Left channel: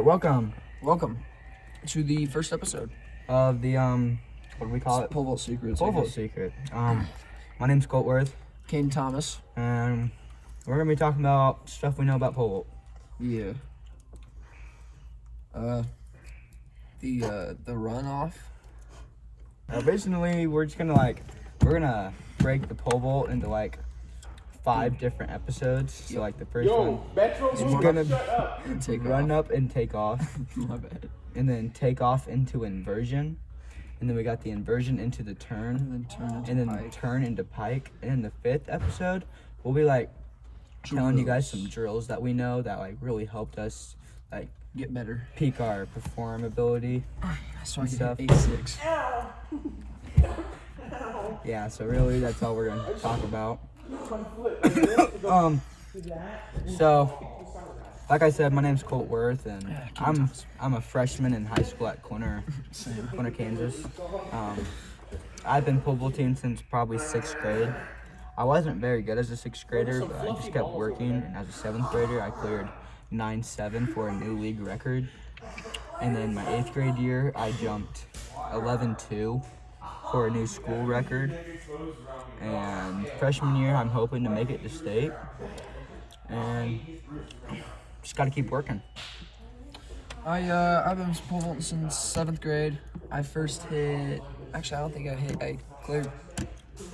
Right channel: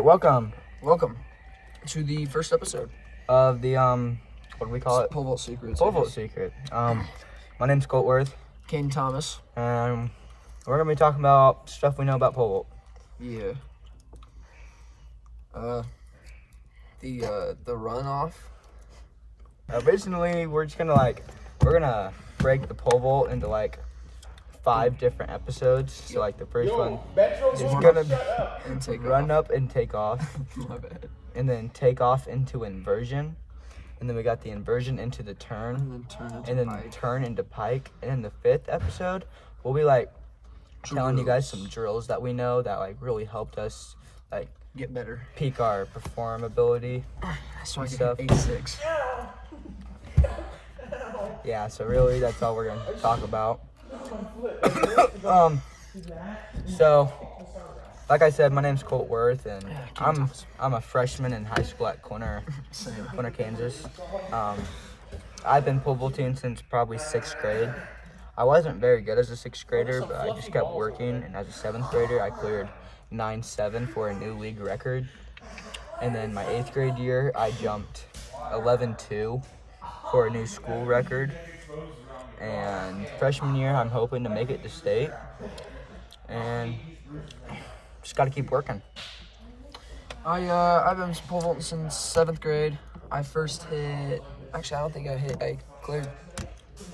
right, welcome Welcome to the first episode of the what do we call it? Pole Vault Secrets. Pole Vault Secret. My name's Coltworth, Caden Thomas. and we're gonna be talking about stuff we know about pole vault. Yeah. The runoff. Originally, we're gonna break the pole vault into like 5 different episodes. So like the first one is gonna And take run up and take off, My bad. and then take off into inversion, and then we got the inversion into the turn, And then and then turn into pike. And in the 5th episode, we'll be like telling you guys some drills that we know that like really helped us like get better. peak our perform ability. So I Stuff. get 8-6. Yeah, so really that's all we're gonna talk about. So like I said, my name's Coltworth, and I'm a freshman in high school at Quinter, Kansas. I've been pole vaulting since probably 6th grade. I wasn't very good as a 6th grader, but I just kept working, and as a 7th grader, I cleared 9.7 for a new league record. And then my 8th grade year, I jumped 11.2 for a new school record. And freshman year, I'm hoping to make it to state. And just got to keep working. I've been pole vaulting since 7th grade. I first hit. Actually, I don't think I cleared.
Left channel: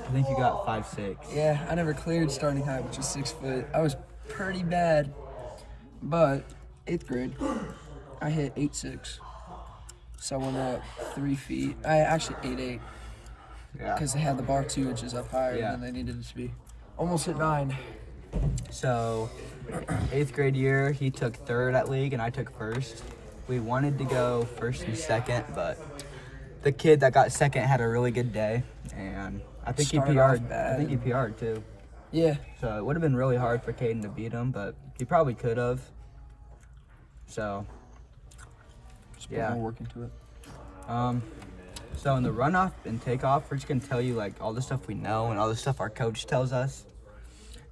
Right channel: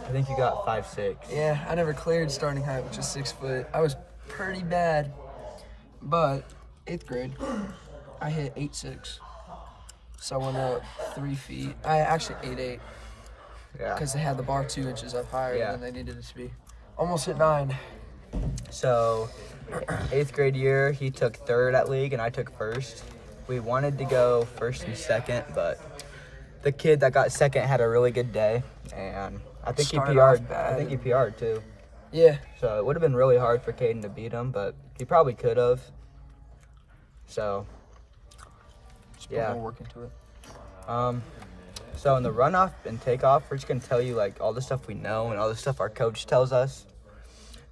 I think you got 5.6. Yeah, I never cleared starting height, which is 6 foot. I was pretty bad, but 8th grade, I hit 8.6. So I went up 3 feet. I actually 8.8 Yeah. because they had the bar 2 inches up higher Yeah. than they needed it to be. Almost hit 9. So 8th grade year, he took 3rd at league, and I took 1st. We wanted to go 1st and 2nd, but the kid that got 2nd had a really good day, and I think he Started off PR'd. bad. I think he PR'd too. Yeah. So it would have been really hard for Caden to beat him, but he probably could have. So Just put Yeah. more work into it. So in the runoff and takeoff, we're just gonna tell you like all the stuff we know and all the stuff our coach tells us.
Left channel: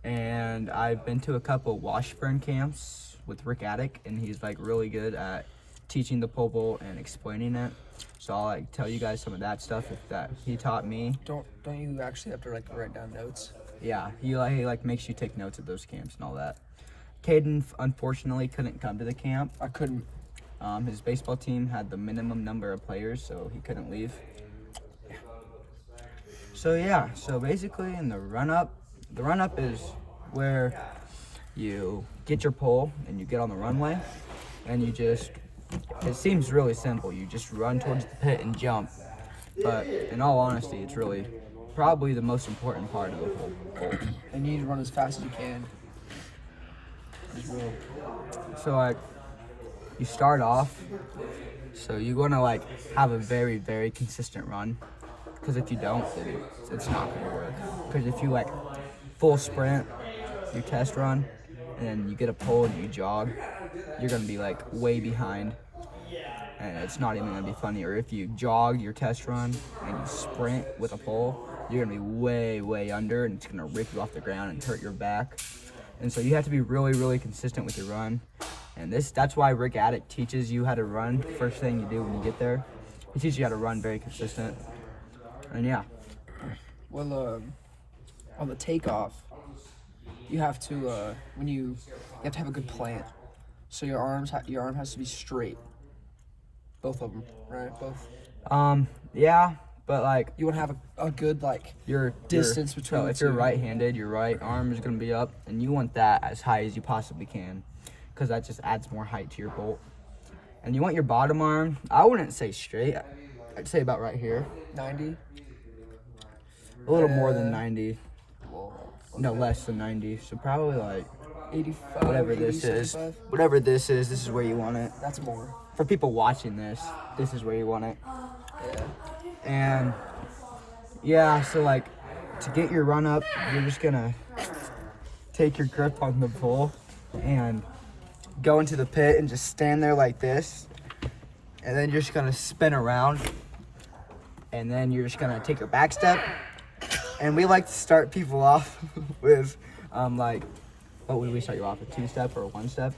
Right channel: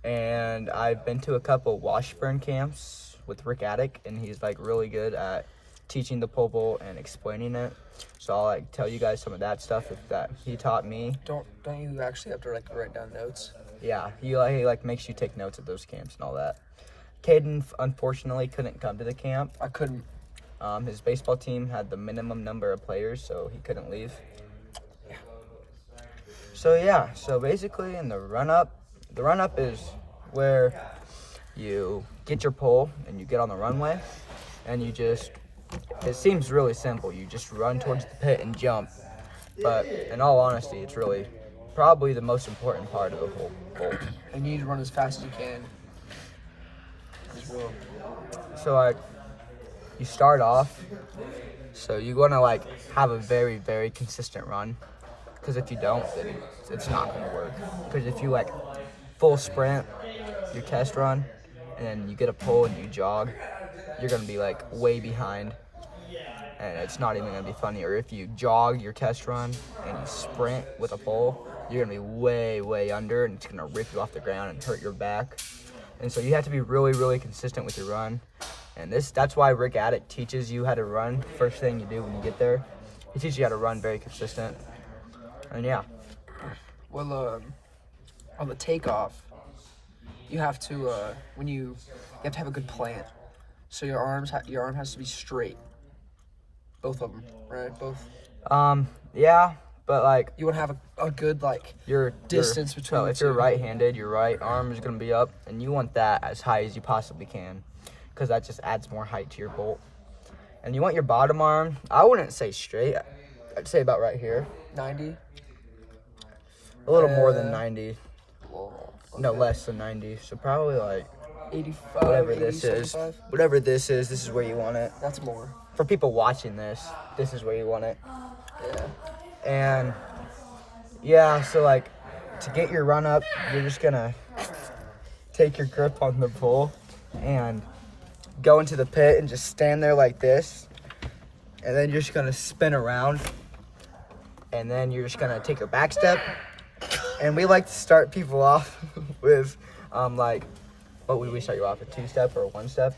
And I've been to a couple Washburn camps with Rick Attic, and he's like really good at teaching the pole vault and explaining it. So I'll like tell you guys some of that stuff that he taught me. Don't you actually have to like write down notes? Yeah, he like makes you take notes at those camps and all that. Caden unfortunately couldn't come to the camp. I couldn't. His baseball team had the minimum number of players, so he couldn't leave. So basically in the run up is where you get your pole and you get on the runway, and it seems really simple. You just run towards the pit and jump. But in all honesty, it's really probably the most important part of the whole vault. And you need to run as fast as you can. As well. So like you start off, so you want to like have a very, very consistent run, because if you don't, then it's not going to work. Because if you like full sprint your test run and then you get a pole and you jog, you're going to be like way behind, and it's not even going to be funny. Or if you jog your test run and you sprint with a pole, you're going to be way, way under, and it's going to rip you off the ground and hurt your back. And so you have to be really, really consistent with your run. And that's why Rick Attic teaches you how to run. First thing you do when you get there, he teaches you how to run very consistent. And yeah. Well, on the takeoff, you have to you have to have a good plant. So your arm has to be straight. Both of them, right? Both. Yeah, but like You want to have a good your distance between so the if you're two. right-handed, your right arm is gonna be up, and you want that as high as you possibly can, because that just adds more height to your bolt. And you want your bottom arm, I wouldn't say straight, I'd say about right here, 90. a little more than 90. Well, No, less than 90. So probably like 85. whatever 80, this is. 75. Whatever this is where you want it. That's more. For people watching this is where you want it. Yeah. And yeah, so like to get your run up, you're just gonna take your grip on the pole and go into the pit and just stand there like this. And then you're just gonna spin around. And then you're just gonna take your back step. And we like to start people off with like, what would we start you off, a 2-step or a 1-step?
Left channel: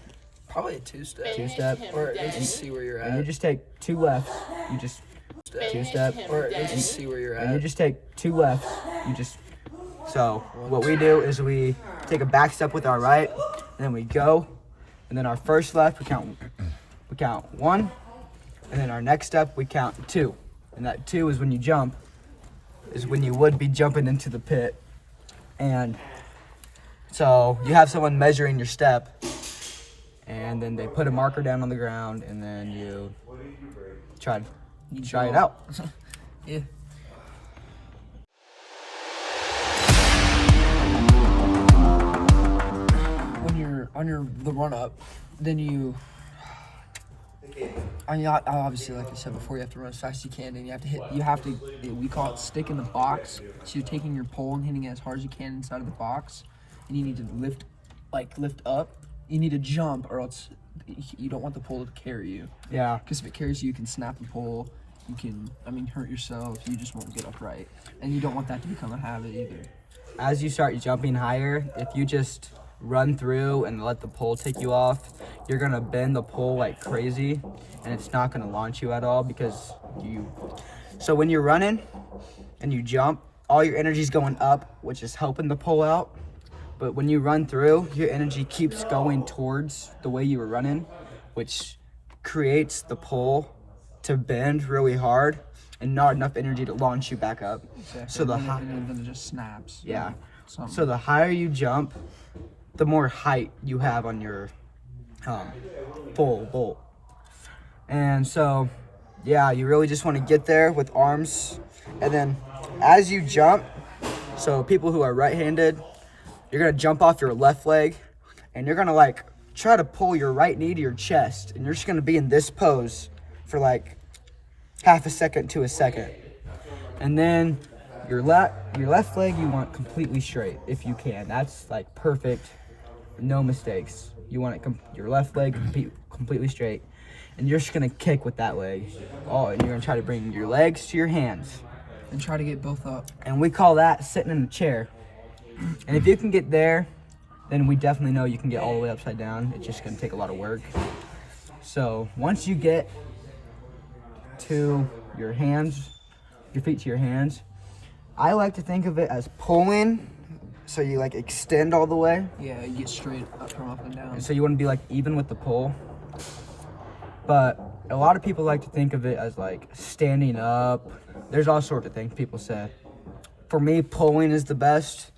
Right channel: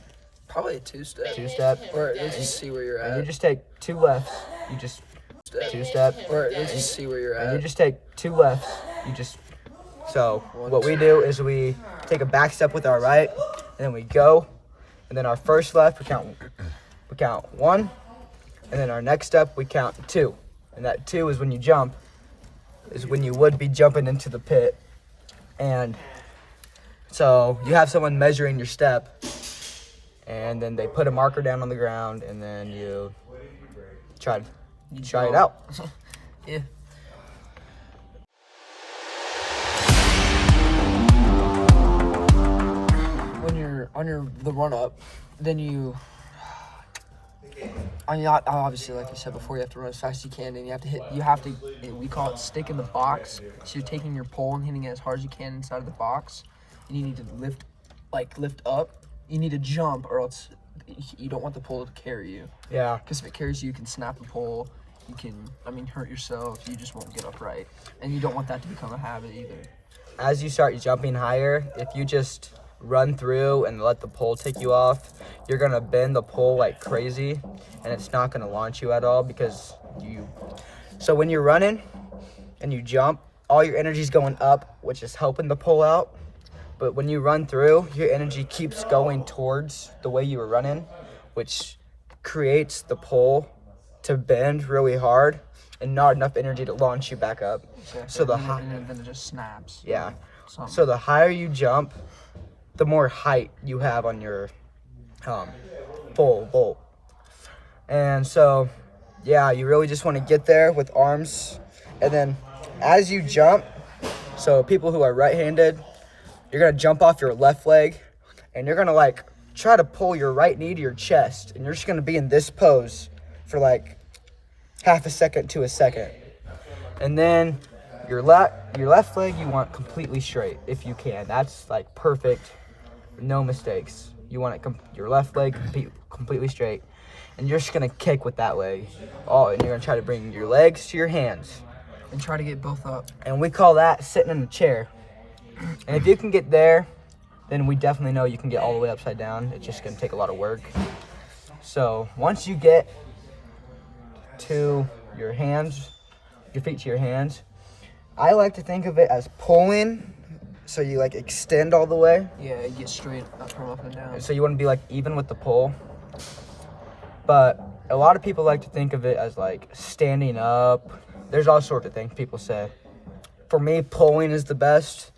Probably a two-step. Two-step. Or let's just see where you're And you at. just take 2 lefts. You just two-step. Or let's just see where you're And you at. just take 2 lefts. You just. So what we do is we take a back step with our right, and then we go, and then our first left we count 1, and then our next step we count 2, and that 2 is when you jump, is when you would be jumping into the pit, and so you have someone measuring your step, and then they put a marker down on the ground, and then you try it out. Yeah. When you're on the run up, then you. Obviously, like I said before, you have to run as fast as you can, and you have to. We call it stick in the box. So you're taking your pole and hitting it as hard as you can inside of the box, and you need to lift up. You need to jump, or else you don't want the pole to carry you. Yeah. Because if it carries you, you can snap the pole. You can, hurt yourself. You just won't get upright, and you don't want that to become a habit either. As you start jumping higher, if you just run through and let the pole take you off, you're gonna bend the pole like crazy, and it's not gonna launch you at all because so when you're running and you jump, all your energy's going up, which is helping the pole out. But when you run through, your energy keeps going towards the way you were running, which creates the pole to bend really hard and not enough energy to launch you back up. Exactly. So and then it just snaps. Yeah. Something. So the higher you jump, the more height you have on your pole bolt. And so, yeah, you really just want to get there with arms. And then as you jump, so people who are right-handed, you're going to jump off your left leg, and you're going to try to pull your right knee to your chest. And you're just going to be in this pose for half a second to a second. And then your left leg you want completely straight if you can. That's perfect, no mistakes. You want your left leg completely straight, and you're just gonna kick with that leg. And you're gonna try to bring your legs to your hands, and try to get both up. and we call that sitting in a chair. And if you can get there, then we definitely know you can get all the way upside down. It's just gonna take a lot of work. So once you get to your hands, your feet to your hands, I like to think of it as pulling. So you extend all the way. Yeah, you get straight up from up and down. So you want to be even with the pull. But a lot of people like to think of it as standing up. There's all sorts of things people say. For me, pulling is the best.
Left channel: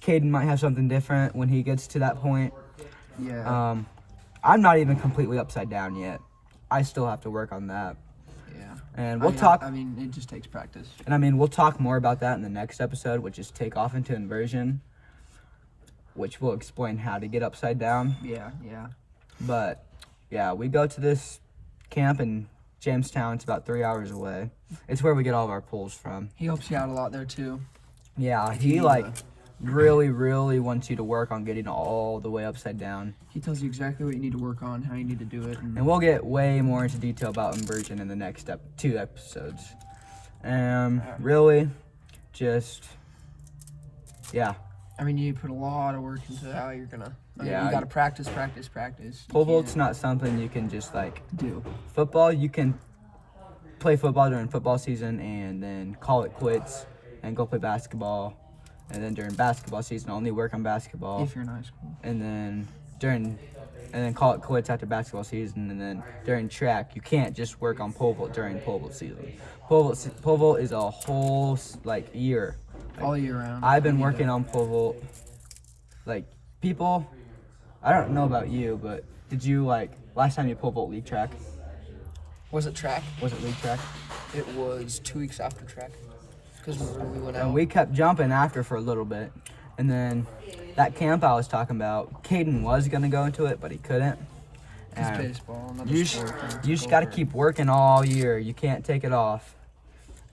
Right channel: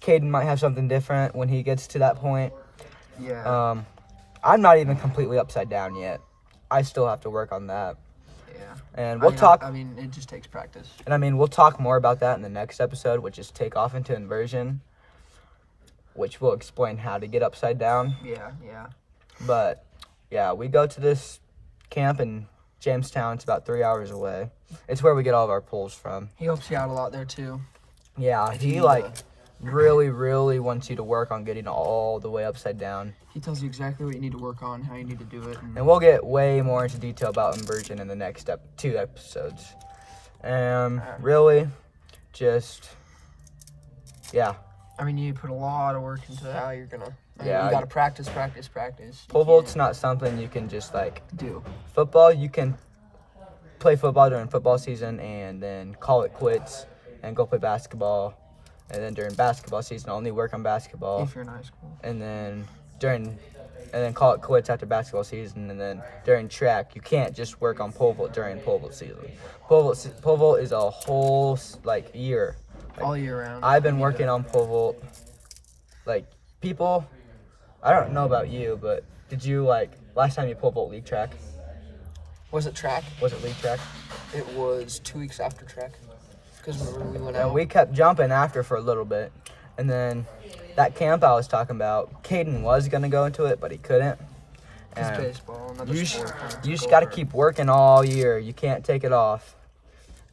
Caden might have something different when he gets to that point. Yeah. I'm not even completely upside down yet. I still have to work on that. Yeah. And we'll talk. It just takes practice. And we'll talk more about that in the next episode, which is takeoff into inversion, which will explain how to get upside down. Yeah. But yeah, we go to this camp in Jamestown. It's about 3 hours away. It's where we get all of our pulls from. He helps you out a lot there too. Yeah, he really, really wants you to work on getting all the way upside down. He tells you exactly what you need to work on, how you need to do it. And we'll get way more into detail about inversion in the next 2 episodes. Really, just, yeah. You put a lot of work into how you're gonna. You gotta practice. Pole vault's not something you can just do. Football, you can play football during football season and then call it quits and go play basketball. And then during basketball season, only work on basketball. If you're in high school. And then call it quits after basketball season. And then during track, you can't just work on pole vault during pole vault season. Pole vault is a whole year. All year round. I've been working on pole vault. People, I don't know about you, but did you last time you pole vault league track? Was it track? Was it league track? It was 2 weeks after track. Because we went out. And we kept jumping after for a little bit. And then that camp I was talking about, Caden was going to go into it, but he couldn't. It's baseball, another sport. You just got to keep working all year. You can't take it off.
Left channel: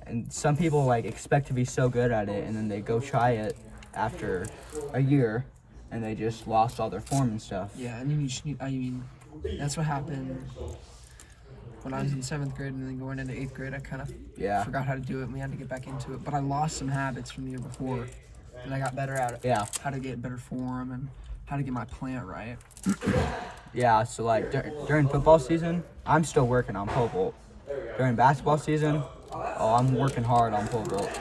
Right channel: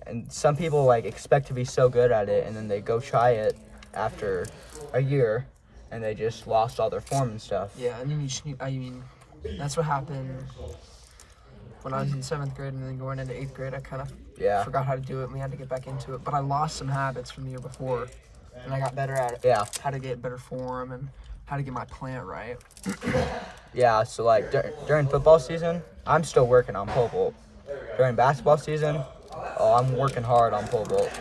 And some people expect to be so good at it, and then they go try it after a year, and they just lost all their form and stuff. Yeah, that's what happened when I was in 7th grade, and then going into 8th grade. I kind of forgot how to do it, and we had to get back into it. But I lost some habits from the year before, and I got better at it. Yeah. How to get better form and how to get my plant right. Yeah, so like during football season, I'm still working on pole vault. During basketball season, I'm working hard on pole vault.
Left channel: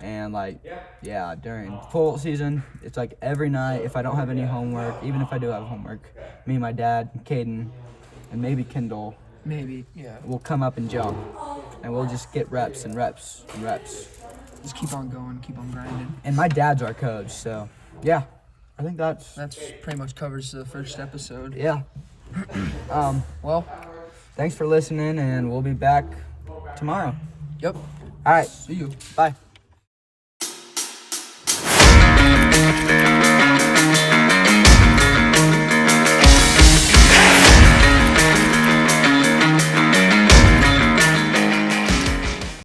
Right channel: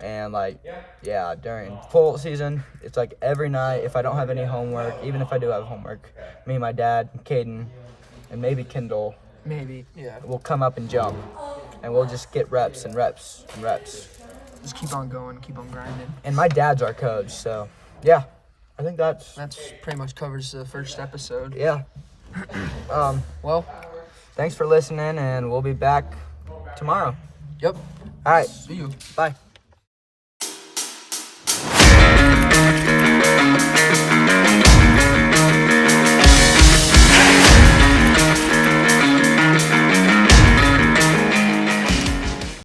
And like, yeah, during pole season, it's like every night. If I don't have any homework, even if I do have homework, me and my dad, Caden, and maybe Kendall Maybe, yeah. will come up and jump, and we'll just get reps and reps and reps. Just keep on going, keep on grinding. And my dad's our coach, so yeah, I think that's pretty much covers the first episode. yeah. Well, Thanks for listening, and we'll be back tomorrow. yep. All right, See you. bye.